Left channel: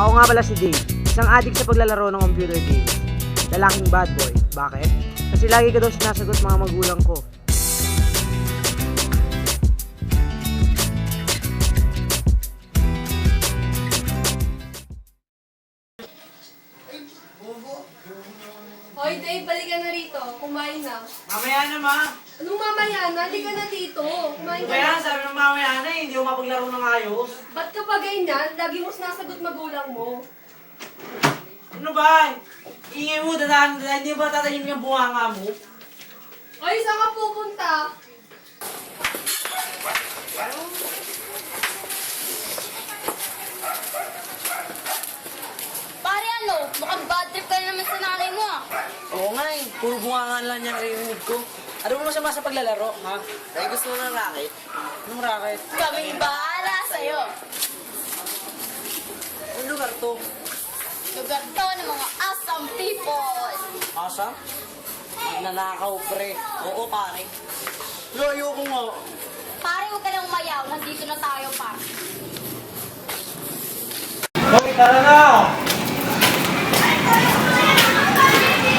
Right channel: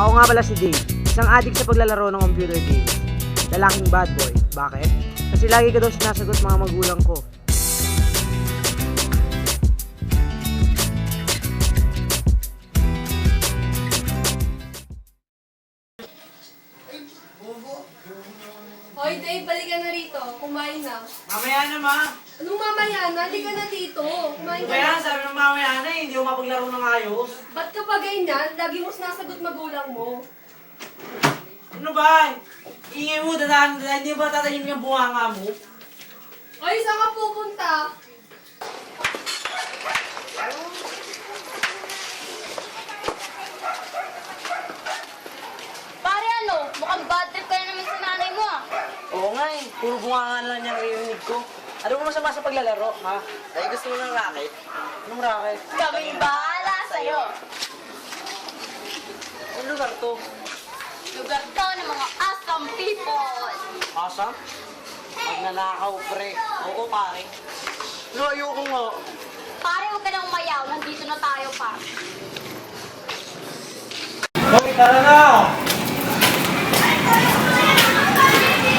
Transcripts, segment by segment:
Ako nga pala si Dave, isang addict sa paglalaro ng computer games. Lalaking bad boy. Bakit? Kasi lagi ko daw sinasagot mga magulang ko. Hoy, Dave, balikan na rito. Kumain na. Mamaya na, ma. Anong mamaya na? Halika na dito. Kumain ka Kaya na. sabi ng mamaya na, hindi ko mapaglaro ng ayos. Ba't ka pa ganyan? Lagi mo sinasagot magulang mo. Ano ba? Ingay mo, dadaan, hindi ba tatayin yung bunganga mo? Hoy, saan ka pupunta? Pare ano, mukhang bad trip ka na naman sa nanay mo ah. Oo nga eh, puro bunganga na lang niya rinig ko. Ano mo masama sa paglalaro, ha? Eh, gusto mo ng racket? Anong racket? Kaming bahala sa'yo. Ano lugar to? Lugar to ng mga awesome people. Asa? Nanakaw, pre. Ayoko, pare. No, ayoko nga. Pare, huwag ka na umayaw. Nandito na tayo pa. Hoy, tara na!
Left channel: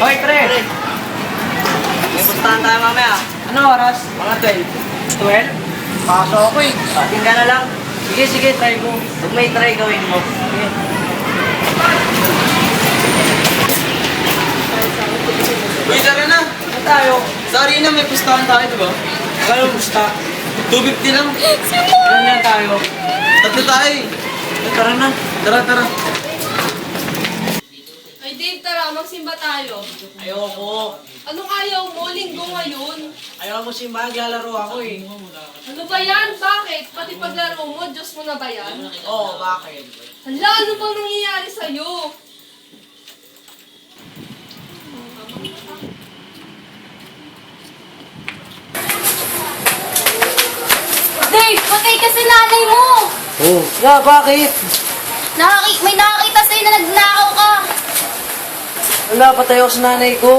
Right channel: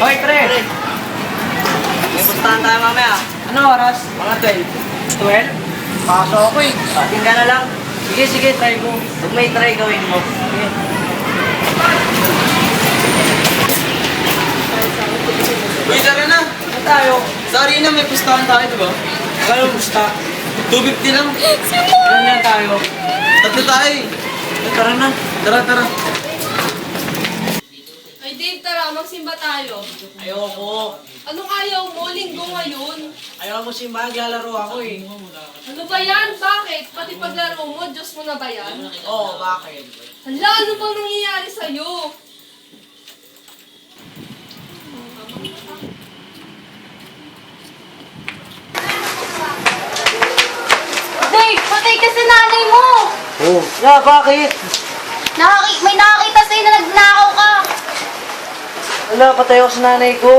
Hoy, pre! May pustahan tayo mamaya. Ano oras? Mga 12. 12? Pasok ako eh. Pating ka na lang. Sige, sige, try mo. Huwag may try gawin mo. Sige. Uy, tara na! Saan tayo? Sorry na, may pustahan tayo, diba? Kala pusta? 250 lang. Saan na tayo? Tatlo tayo eh. Tara na. Tara, tara. Ay, Dave, tara. Magsimba tayo. Ayoko. Anong ayaw mo? Linggo ngayon. Ayoko mo simbahan, lalaro ako eh. Ano ba yan? Bakit? Pati paglaro mo, Diyos mo na ba yan? Oo, bakit? Hala, ano bang nangyayari sa'yo? Dave, patay ka sa nanay mo. Oo. Nga, bakit? May nakakita sa'yo na nagnakaw ka. Ano, patay ako sa nanay ko.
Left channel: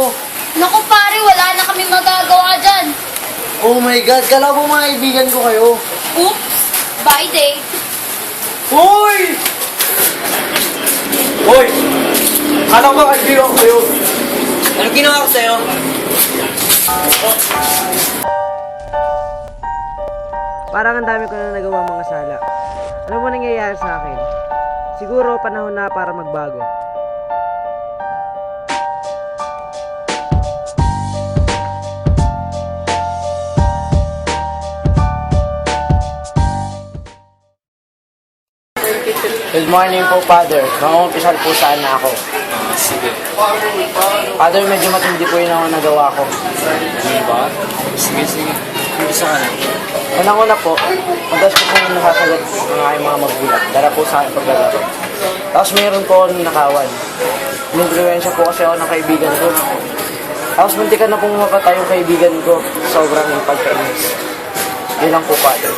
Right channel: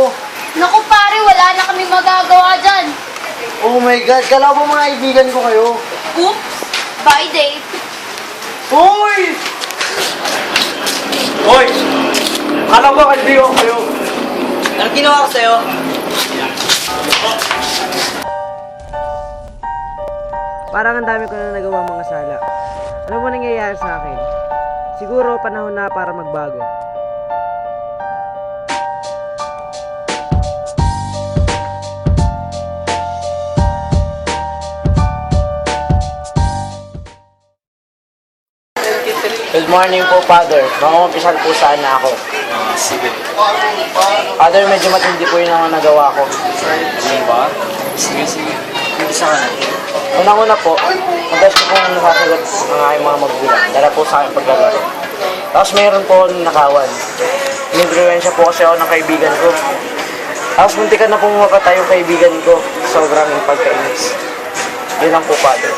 Naku pare, wala na kami magagawa dyan. Oh my God, kala ko mga kaibigan ko kayo. Oops. Bye, Dave. Hoy! Hoy! Kala mo kaibigan ko kayo. Anong ginawa ko sa'yo? Parang ang dami ko na nagawang mga sala. Ano mo nangyayari sa akin? Siguro panahon na para magbago. Good morning po, Father. Mamumpisan po sana ako. Father, medyo matindi po yung nagawa ko. Sige, sige. Isa ka na. Una-una po, gusto ko na nakasagot mga yung mga magulang. Dala po sa akin paglalaro. Tapos meron po ako ninakawan. Influensya po kasi ako ng kaibigan ko. Tapos muntikan na po makatay yung kaibigan ko. Sobrang pag-promise. Yun lang po, Father.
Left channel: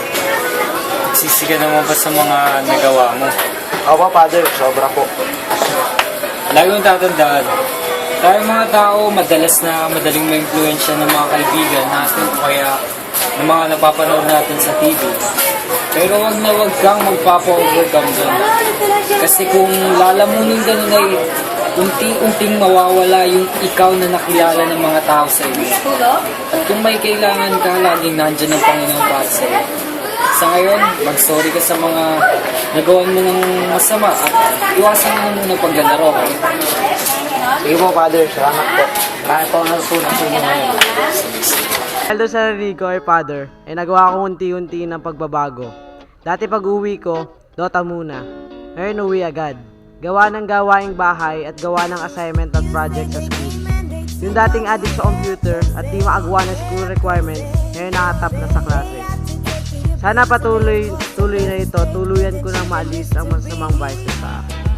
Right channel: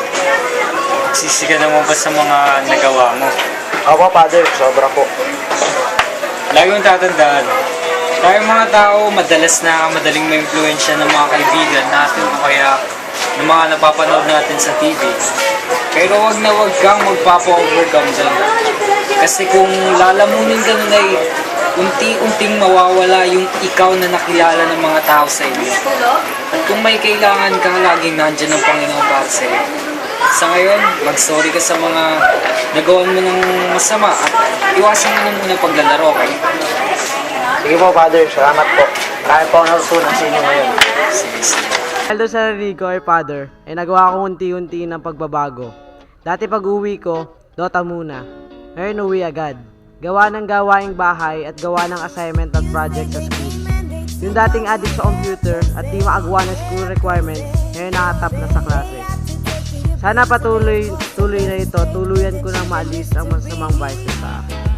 Sisi ka naman ba sa mga nagawa mo? Ako, Father, sobra po. Lagi mong tatandaan. Tayong mga tao, madalas na madaling ma-influensya ng mga kaibigan natin o kaya ng mga napapanood natin sa TV. Pero wag na wag kang magpapa-overcome dyan. Kasi kung lalamunin ka na unti-unting mawawala yung ikaw na nakilala ng mga tao sa iyo. At kung may kailangan ka, laging nandyan ang Panginoon para sa iyo. Sa ngayon, mag-sorry ka sa mga nagawan mo ng masama at iwasan mo muna paglalaro. Sige po, Father. Salamat po. Kaya po ako natutunan sa inyo ngayon. Dahil sa sarili ko ay Father, ay nagawa ko unti-unti ng pagbabago. Dati pag uwi ko, Dota muna. Ngayon uwi agad. Gawa ng gawaing bahay at gawa ng assignment at project sa school. Yung dating addict sa computer at di maagawa ng school requirements, ngayon nakatap na sa klase. Sana tuloy na ito, tuluyan ko nang maalis ang masamang vices sa akin.